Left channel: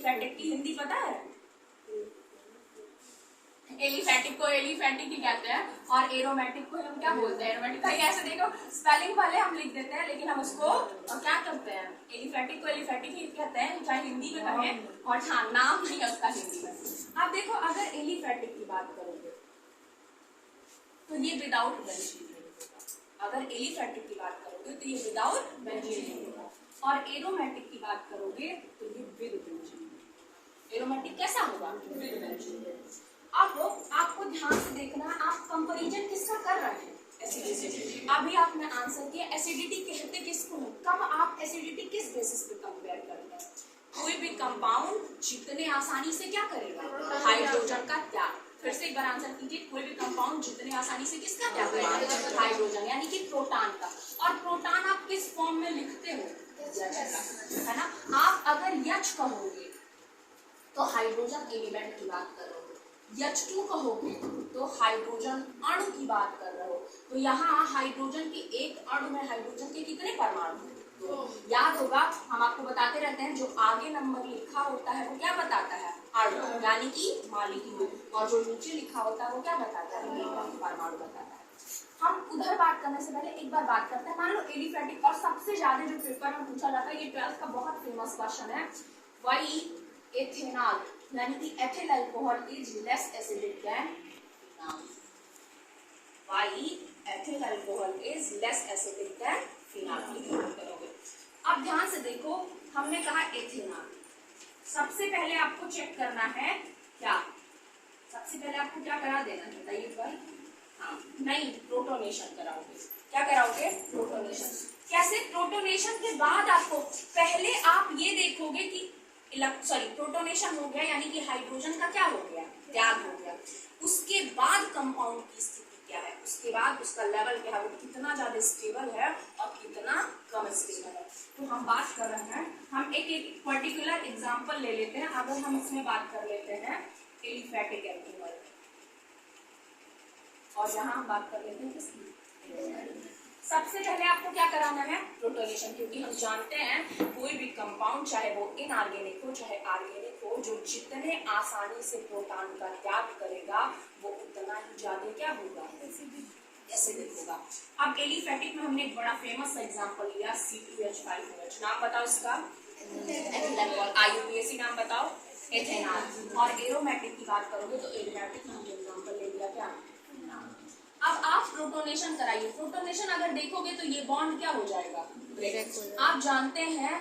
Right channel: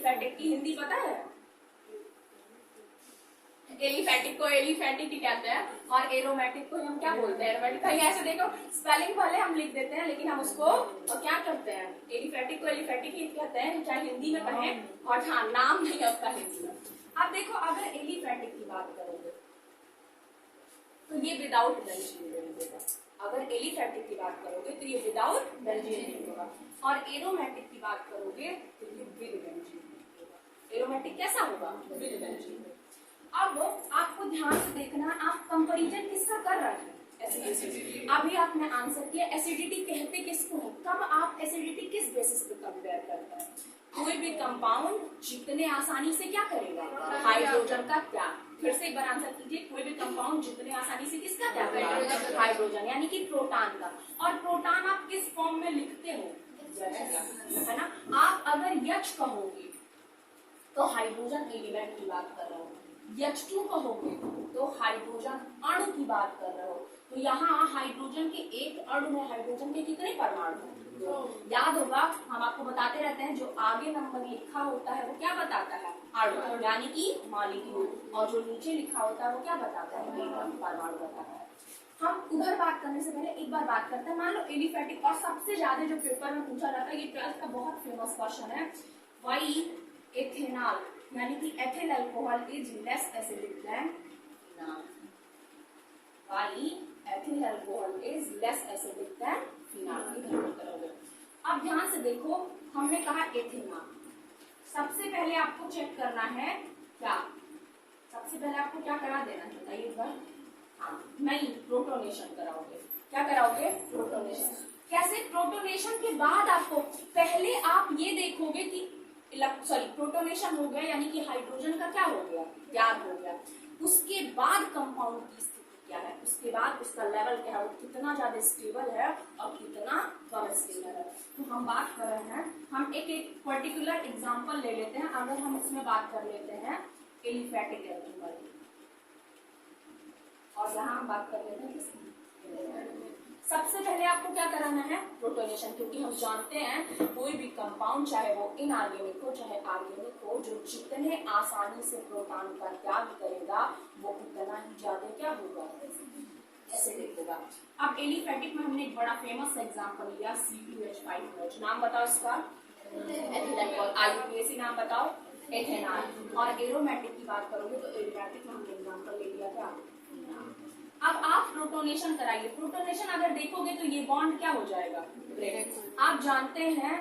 Aliphatic की हिंदी पता है? एलिफेटिक को एलिफेटिक ही कहते हैं और एरोमेटिक को हम क्या बोलते हैं? एरोमेटिक। कहीं ऐसे देखो स्पेलिंग भले हम लिख देते हैं लेकिन हम उसको क्या करते हैं? एलिफेटिक को एलिफेटिक ही कहते हैं, चाहे हिंदी में कहें और हाँ नाम नहीं है उसका हिंदी में। अब देखो अगर एलिफेटिक की बात करोगे तो ये विदाउट बेंजीन रिंग होगा। अगर एलिफेटिक की बात करोगे तो ये विदाउट बेंजीन रिंग होगा और एरोमेटिक की बात करोगे तो ये विद बेंजीन रिंग होगा। एरोमेटिक कैसा होगा? With benzene ring. अब आपको ध्यान से देखना, आप कंपैरिजन किसका कर रहे हैं? एसिडिटी। अभी आपने आंसर किया एसिडिटी कहते किसको है? कब आप एसिडिटी किस बेसिस पे कंपेयर करते हैं? कोई भी कंपाउंड जितने आसानी से क्या करेगा? हाइड्रोजन का त्याग। फिर से एक बार आंसर कीजिए, कोई भी कंपाउंड जितने आसानी से किसका त्याग करेगा? हाइड्रोजन, यानी कि प्रोटॉन का। और प्रोटॉन आप किस फॉर्म में लिखते हो? है ना। आप अगर यच कहोगे तो हाइड्रोजन एलिमेंट की बात कर रहे हो, H2 कहोगे तो हाइड्रोजन अणु की बात कर रहे हो। तो यहाँ हाइड्रोजन के एक अणु में हाइड्रोजन के कितने परमाणु हैं? याद होगा हम आपको बताते रहते हैं जो आगे नंबर लिखा होता है वो क्या बताता है? अणु, यानी कि मॉलिक्यूल। और जो नीचे लिखा होता है वो क्या बताता है? परमाणु बताता है। हम उधर बात करने से पहले एक बार बात करते हैं, मान लो एलिफेटिक। और सबसे ज्यादा जो पेपर में पूछा जाता है, ये 12th का बहुत फेमस क्वेश्चन है, वही एथेनॉल यानी कि ethyl alcohol is less acidic than phenol. Why ethyl alcohol is less acidic than phenol. करोगे। अब ध्यान से देखो, हमने कहा एथेनॉल। सबसे पहले आपको चेक करना है क्या? सबसे पहले आपको क्या करा देना है बताइए एक बार? हाँ, नहीं, प्रोटोनेशन कराओगे। क्या कराओगे? प्रोटोनेशन। कैसे? प्रोटोनेशन के बाद आपको पहले आप ये देखोगे कि प्रोटोनेशन हो गया यानी कि हाइड्रोजन का क्या हो गया? त्याग हो गया। उसके बाद कंपाउंड की स्थिति क्या है? उसके बाद उसका लेवल क्या है? वो कितना ज्यादा स्टेबल है और कितना कम स्टेबल है। तो हम बात कर रहे हैं, हम एक पर्टिकुलर एग्जांपल ले लेते हैं। अगर हम इसमें बात कर लेते हैं एलिफेटिक एल्कोहल, और यहाँ हम बात कर लेते हैं किसकी? सबसे पहले आपको क्या कराना है? प्रोटोनेशन। क्योंकि हम जानते हैं कोई भी कंपाउंड चाहे वो इनऑर्गेनिक हो चाहे ऑर्गेनिक हो, जो जितने आसानी से प्रोटॉन का त्याग करेगा वो उतना ही ज्यादा क्या होगा? एसिडिक होगा। अब एलिफेटिक में हमने एक बड़ा फेमस एग्जांपल लिया C2H5OH। नाम बताओ इसका? IUPAC। नाम बताओ? एथेनॉल। और एरोमेटिक की बात करोगे तो एरोमेटिक में हमने एग्जांपल ले लिया क्या? अब आप प्रोटोनेशन कराइए। प्रोटोनेशन अगर देखोगे तो ये बॉन्ड क्या हो जाएगा? ब्रेक। आप जानते हैं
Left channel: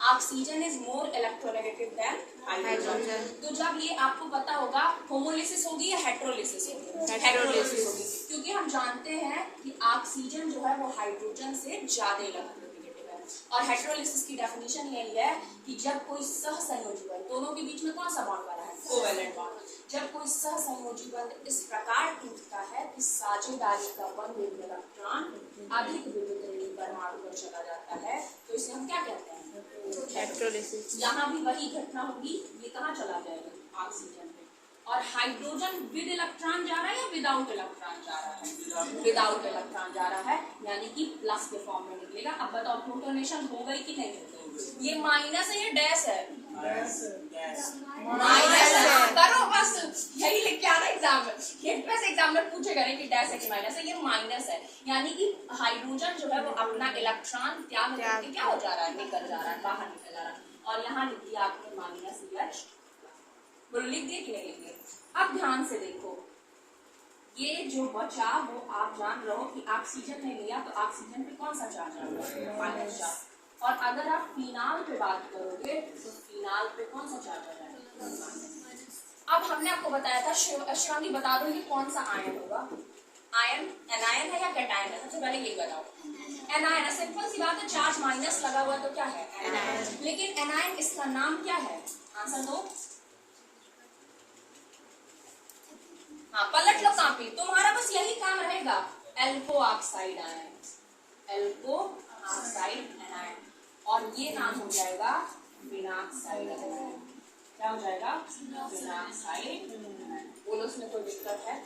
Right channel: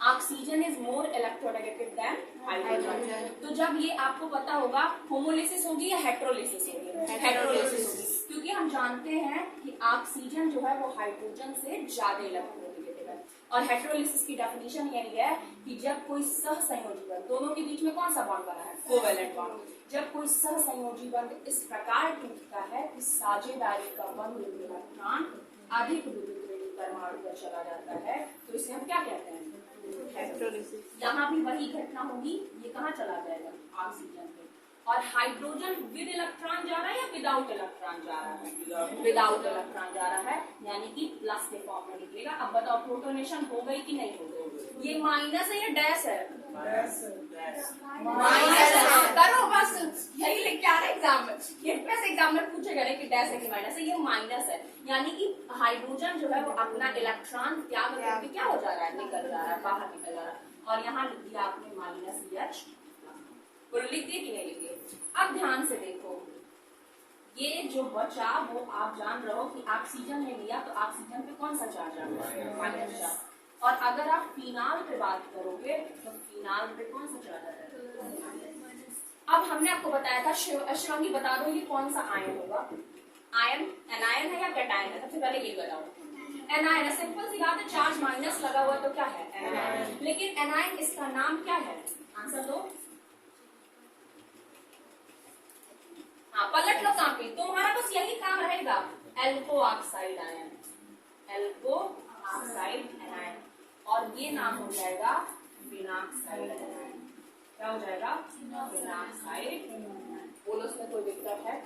oxygen is more electronegative than hydrogen. तो जब ये आपको पता होगा होमोलिसिस होगी या हेटेरोलिसिस होगी? हेटेरोलिसिस होगी, क्योंकि हम जानते हैं कि ऑक्सीजन जो है वो हाइड्रोजन से ज्यादा इलेक्ट्रोनेगेटिव है। और हेटेरोलिसिस की डेफिनेशन यही है कि जब कोई सहसंयोजी बंध, दोनों के बीच में कौन सा बॉन्ड बना है? Covalent bond. जब कोई सहसंयोजी बंध इस प्रकार टूटता है कि साझेदारी का बंध इलेक्ट्रॉन अधिक विद्युत ऋणात्मक परमाणु पर चला जाता है, तो इसे हम क्या कहते हैं? हेटेरोलिसिस। यहाँ भी वही घटना होगी, ये कहाँ चला जाएगा? ऑक्सीजन में। और हाइड्रोजन विद इलेक्ट्रॉन जा रहा है या विदाउट इलेक्ट्रॉन जा रहा है? विदाउट इलेक्ट्रॉन जा रहा है, यानी कि प्लस के फॉर्म में निकलेगा। अब बताओ प्रोटोनेशन हो गई कि नहीं हो गई? ये माइनस है या डैश है? माइनस है। करो बस, यही लेके आना एग्जाम में। एग्जाम में पूछेगा नहीं कि डैश है कि माइनस है। ये माइनस है, यानी कि हाइड्रोजन जो है वो अपना इलेक्ट्रॉन त्याग करके क्या हो जा रहा है? निकल जा रहा है, बाहर निकल जा रहा है। और यहाँ लिख दिया आपने -H। बोलो लिख दिए कि नहीं लिख दिए? अब ध्यान से देखो, ये जो बचा वो आप जान रहे हो कि ऑक्सीजन ने लिया तो ऑक्सीजन पे कौन सा चार्ज आ रहा है? -चार्ज। और अगर आप फिनाल पे बात करोगे तो फिनाल पे कौन सा चार्ज आ रहा है? अब हमने आपको बताया था, शिवांगी बता दो ये कौन सा आयन होगा? आयन एनायन है या कैटायन है? सबसे पहले ये बताओ। एनायन है। सिंपल सी बात है, चार्ज माइनस लगा हुआ तो क्या है? एनायन। लेकिन एनायन इसका नाम क्या है? आंसर दो। हाँ, पलट लो कॉपी, तुम्हारा बस यही काम रहेगा। एल्को ऑक्साइड आयन, एल्को ऑक्साइड आयन। और ये नाम हो जाएगा विनाक्साइड आयन। क्या हो जाएगा? विनाक्साइड। बोलो उसमें कोई दिक्कत है?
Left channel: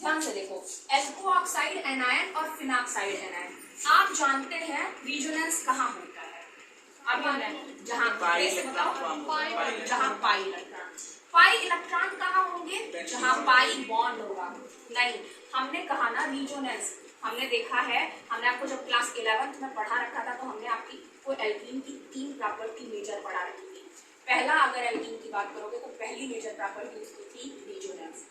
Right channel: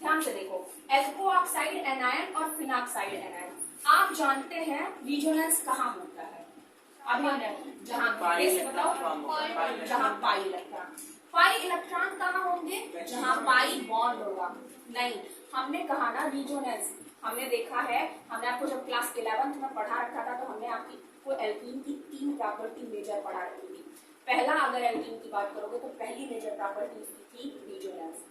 ध्यान से देखो, एल्को ऑक्साइड एनायन और फिनाक्साइड एनायन। आप जानते हैं रिजोनेंस कहाँ होता है? अभी हमने जहाँ जहाँ पाई इलेक्ट्रॉन कहाँ होंगे, जहाँ पाई बॉन्ड होगा। नहीं, हमने कहा ना रिजोनेंस, हमने देखा है, हमने आपको जब क्लास 11th में पढ़ा रखा था तो हमने आपको एल्कीन की 3 प्रॉपर्टी मेजर पढ़ा रखी थी। पहला, अगर एल्कीन की बात करोगे तो पहली मेजर प्रॉपर्टी उसकी थी रिजोनेंस।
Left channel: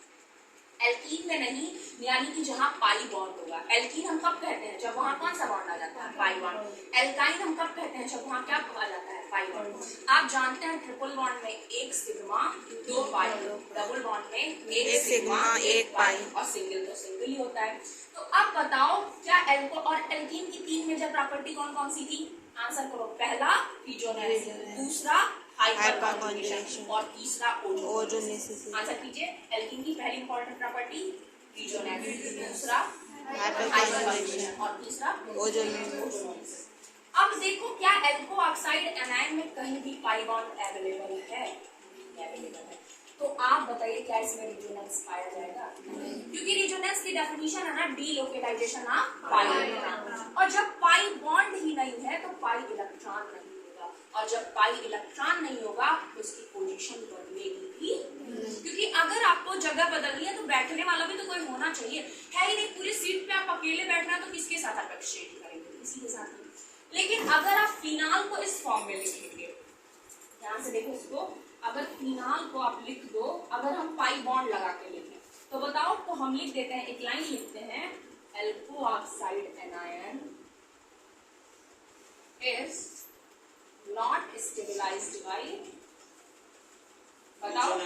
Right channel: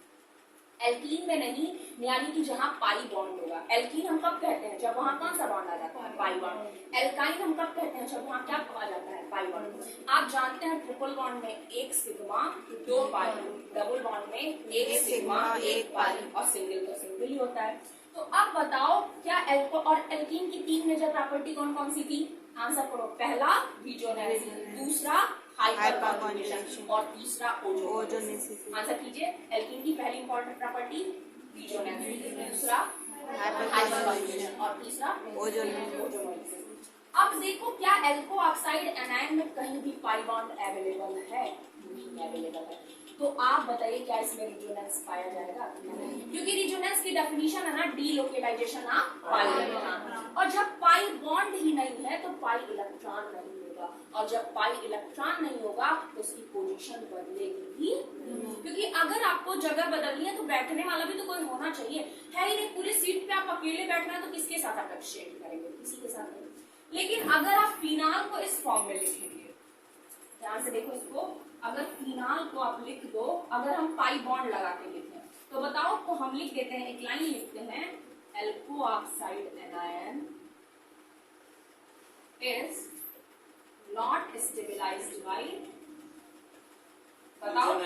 एल्कीन में नहीं, यानी कि जहां पाई बॉन्ड होगा। एल्कीन हम कब कहते हैं, जब वहां कौन सा बॉन्ड आ जाता है, पाई बॉन्ड। एल्काइन हम कब कहते हैं, जब वहां क्या आ जाता है, पाई बॉन्ड। आप जानते हैं ट्रिपल बॉन्ड में 1 सिग्मा 2 पाई, डबल बॉन्ड में 1 सिग्मा 1 पाई, और सिंगल तो सिंगल ही होता है। तो अब बताओ क्या एल्को और एल्कीन की 3 मेजर प्रॉपर्टी कौन कौन सी थी, आंसर करो। पहला रिजोनेंस, दूसरा हाइपर कॉन्जुगेशन, और तीसरा ओजोनेसिस। आंसर कीजिए। एल्कीन की पहली इंपॉर्टेंट प्रॉपर्टी रिजोनेंस, दूसरा हाइपर कॉन्जुगेशन, और तीसरा ओजोनेसिस। अब देखो क्या एल्को ऑक्साइड एनायन में कहीं भी पाई बॉन्ड अवेलेबल है, नहीं अवेलेबल है। तो आप बताइए क्या इसमें रिजोनेंस पाया जाएगा, क्योंकि रिजोनेंस की डेफिनेशन है ना डीलोकेलाइजेशन ऑफ पाई इलेक्ट्रॉन, और जब पाई बॉन्ड ही नहीं है तो पाई इलेक्ट्रॉन नहीं होगा, और जब पाई इलेक्ट्रॉन नहीं होगा तो उसकी पोजीशन बदलेगी भी, क्योंकि अगर आपको जगह बदलनी है तो बैठने वाला भी तो कोई होना चाहिए, है ही नहीं। पूरी सीट पे आप अकेले बैठना तो किसके साथ आप एक्सचेंज करेंगे, किसी के साथ नहीं। लेकिन अगर आप फिनाल को इस फॉर्म में लिखेंगे, ध्यान से देखो इसको, अगर फिनाल को आप लिख दो, अगर हम पाई बॉन्ड लगा के लिखें तो बताओ, तो हम लिख देते हैं, एक लाइन लिखते हैं, alkoxide anion is not stabilised by, बताओ